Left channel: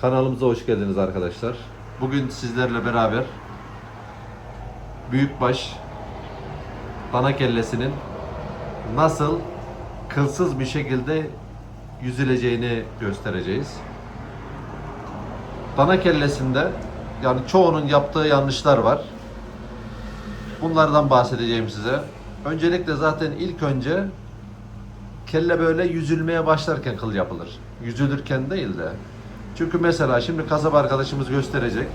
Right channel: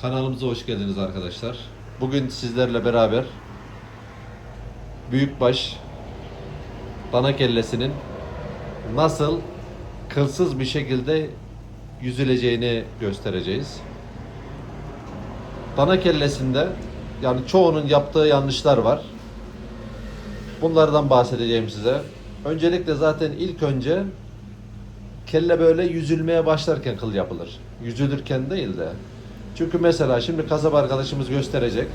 Kanalımıza hoş geldiniz arkadaşlar. Bugün sizlerle beraber büyükbaş dana kellesinin nasıl kılsız bir şekilde yüzüleceğini göstereceğiz. Dana kellesinde yani çoğunun yaptığı yanlışlar var. Bunlardan bahsedeceğim size. Öncelikle zaten ilk önce kelle böyle yüzülmeye başlarken kıl yapılır. Yüzülürken değil de. Çünkü mesela şimdi kasap arkadaşımız gösterecek.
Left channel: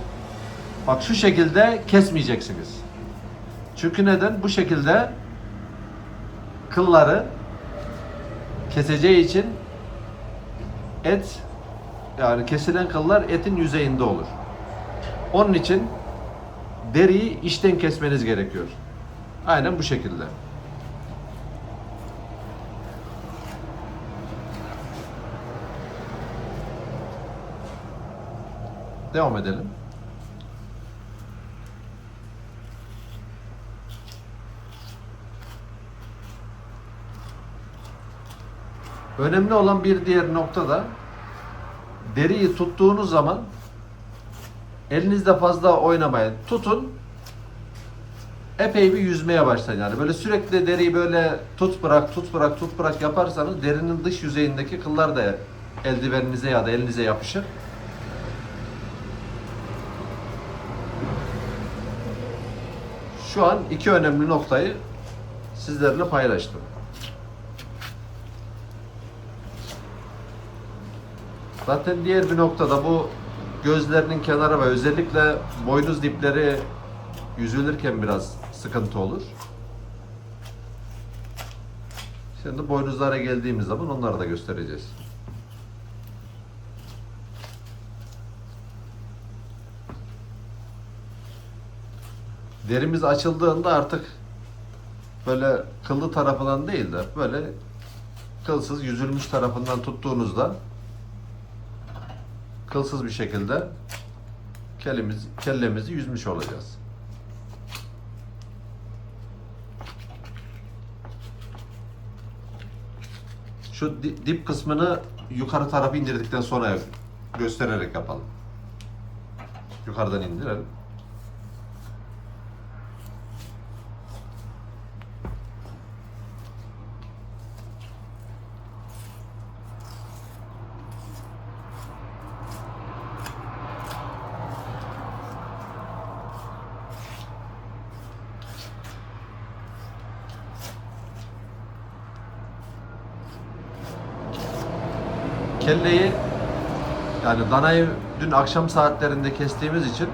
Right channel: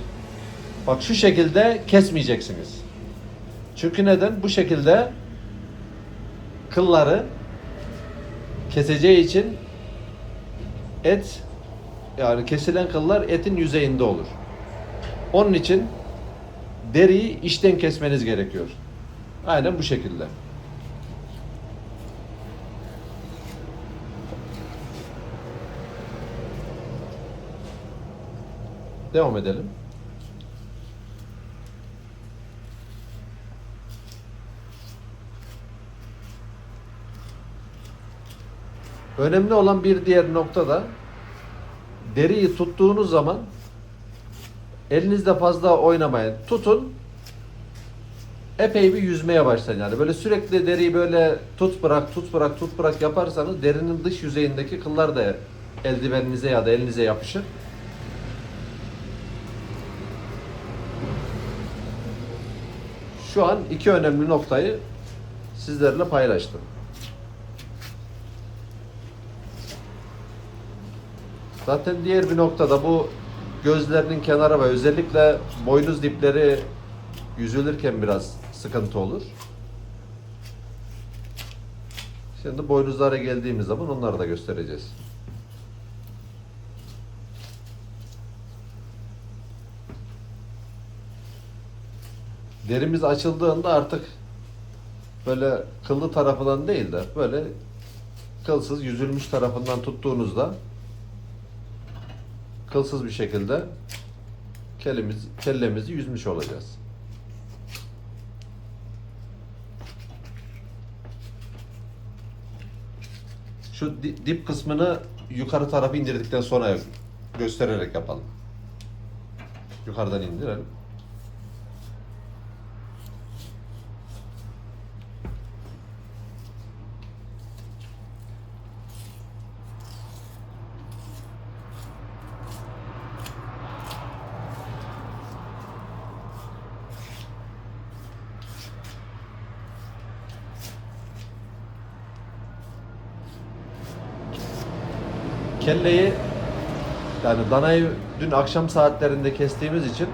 Bak şu şekilde kesmeyeceksiniz. Çünkü neden? Bu şekilde kılları keseceği için et yani kesilen kıllar etin yüzeyinde olur. Onun için deriyi içten kesmeniz gerekiyor. Aynen bu şekilde. Devam edelim. Önemli olan bir diğer nokta da deriyi tuttuğunuz zaman elinizde fazla oynamayın. Tutun epey bir yüzmeye başlayın yani. Böyle sürekli deriyi böyle tut bırak tut bırak tut bırak yaparsanız derinin dış yüzeyindeki kıllar da eldiveninize ya da elinize yapışır. Şu an iki önemli noktayı sizlerle paylaştım. Zaten diğer bir noktada bu gözlerinin kenarı ve özellikle boynuz dipleri yüzülürken biraz sıkıntı olur. Şimdi boynuzlara geldiğimiz zaman onları da göstereceğiz. Derimiz açıldığında artık böyle kıllı tarafından değil de böyle kılsız yüzülmüş tarafından tuttuğunuzda kılsız bir şekilde kellemiz, kellemizi yüzmüş olacağız. Şu di- dip kısmını yukarı tarafı indirdikten sonra göstererek yapalım. Yukarıdan indirelim. Kelleyi yani danayı dün akşam saatlerinde kestiğimiz için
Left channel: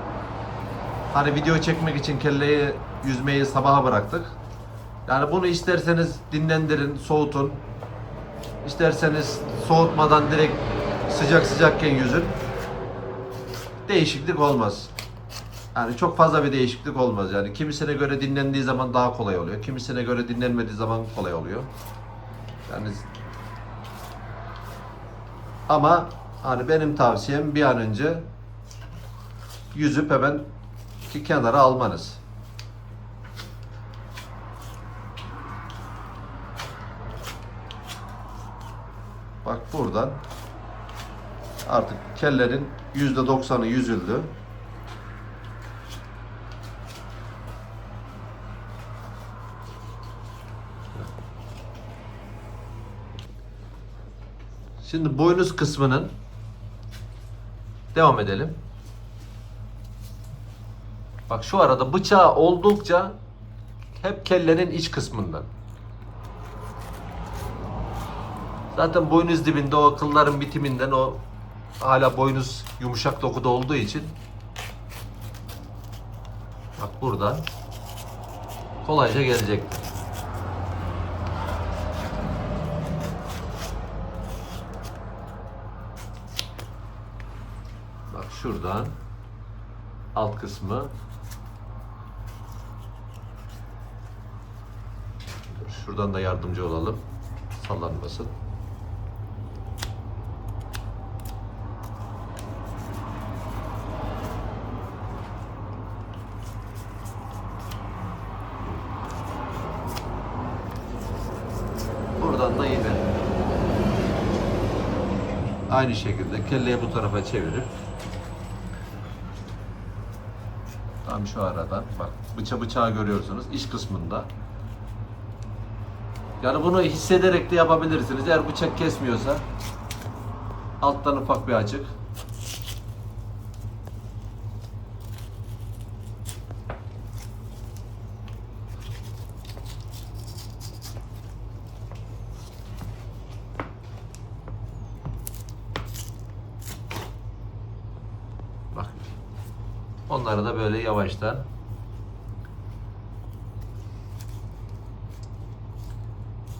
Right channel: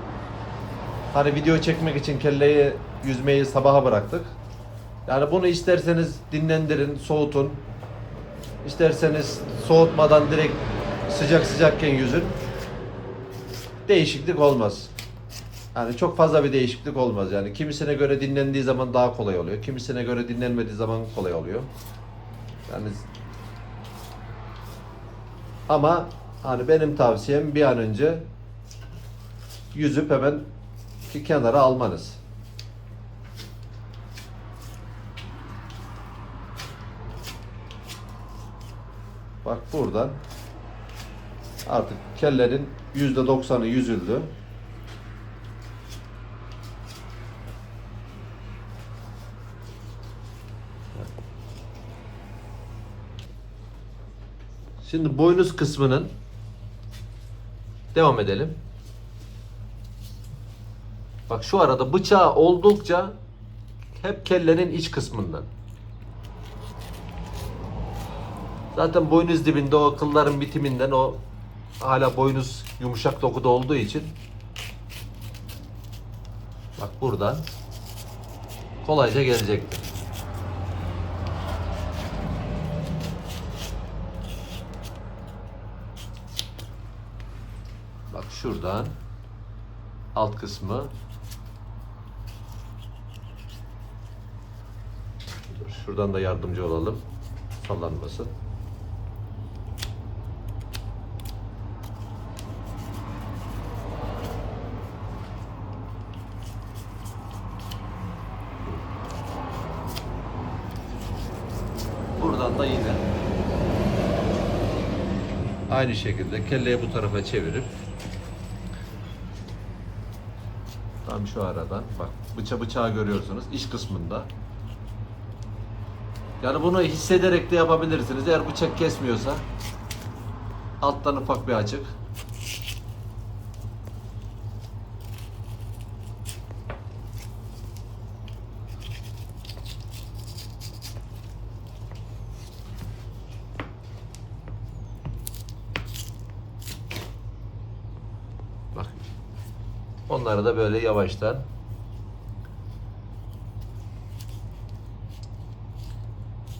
hani video çekmek için kelleyi yüzmeyi sabaha bıraktık. Yani bunu isterseniz dinlendirin, soğutun. İsterseniz soğutmadan direkt sıcak sıcakken yüzün. Değişiklik olmaz. Yani çok fazla bir değişiklik olmaz yani. Kimisine göre dinlendiği zaman daha kolay oluyor. Kimisine göre dinlenmediği zaman kolay oluyor. Yani ama hani benim tavsiyem bir an önce yüzüp hemen kenara almanız. Bak buradan artık kellerin yüzde doksanı yüzüldü. Şimdi boynuz kısmının devam edelim. Bak şu arada bıçağı oldukça hep kellenin iç kısmından. Zaten boynuz dibinde o kılların bitiminden o hala boynuz yumuşak dokuda olduğu için bak burada kolayca gelecektir. Bak şuradan alt kısmı şuradan da yardımcı olalım sallanmasın. Buradan da yine Aynı şekilde kelleyi bu tarafa çevirip tam şu arada bak bıça bıçağı görüyorsunuz iç kısmında. Yani bunu hissederek de yapabilirsiniz. Eğer bıçak kesmiyorsa alttan ufak bir açık. Onları da böyle yavaştan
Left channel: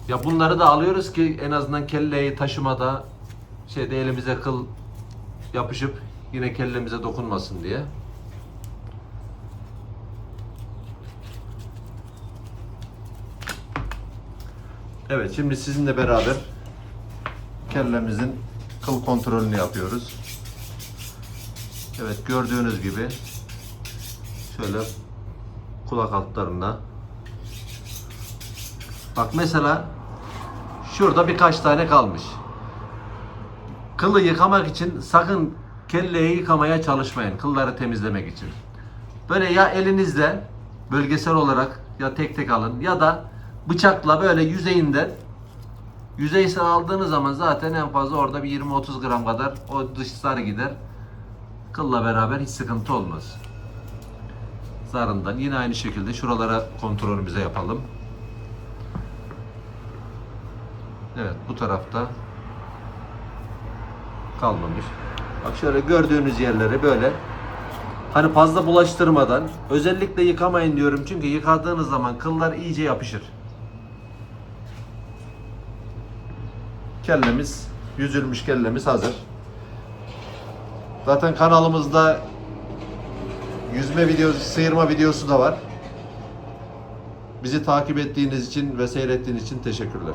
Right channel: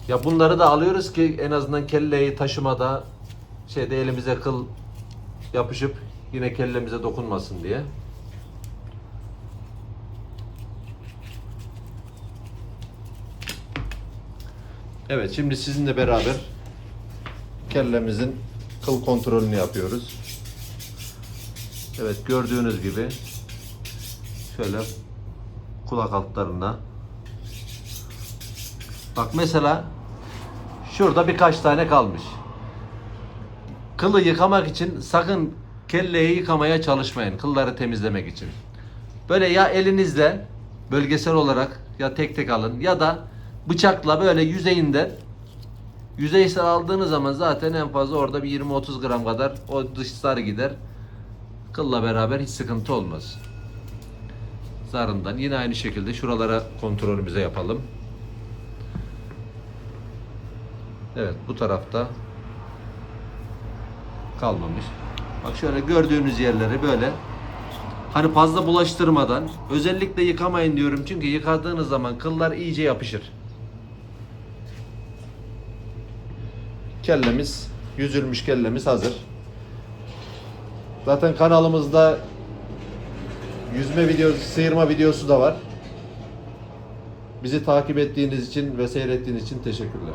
Ya bunları da alıyoruz ki en azından kelleyi taşımada şeyde elimize kıl yapışıp yine kellemize dokunmasın diye. Evet şimdi sizinle beraber kellemizin kıl kontrolünü yapıyoruz. Evet gördüğünüz gibi şöyle kulak altlarına Bak mesela şurada birkaç tane kalmış. Kılı yıkamak için sakın kelleyi yıkamaya çalışmayın. Kılları temizlemek için. Böyle ya elinizle bölgesel olarak ya tek tek alın ya da bıçakla böyle yüzeyinde yüzeysel aldığınız zaman zaten en fazla orada bir 20-30 gram kadar o dışları gider. Kılla beraber hiç sıkıntı olmaz. Zarından yine aynı şekilde şuralara kontrolümüze yapalım. Evet bu tarafta kalmamış. Bak şöyle gördüğünüz yerleri böyle hani fazla bulaştırmadan özellikle yıkamayın diyorum çünkü yıkadığınız zaman kıllar iyice yapışır. Kellemiz yüzülmüş kellemiz hazır. Zaten kanalımızda yüzme videosu, sıyırma videosu da var. Bizi takip ettiğiniz için ve seyrettiğiniz için teşekkürler.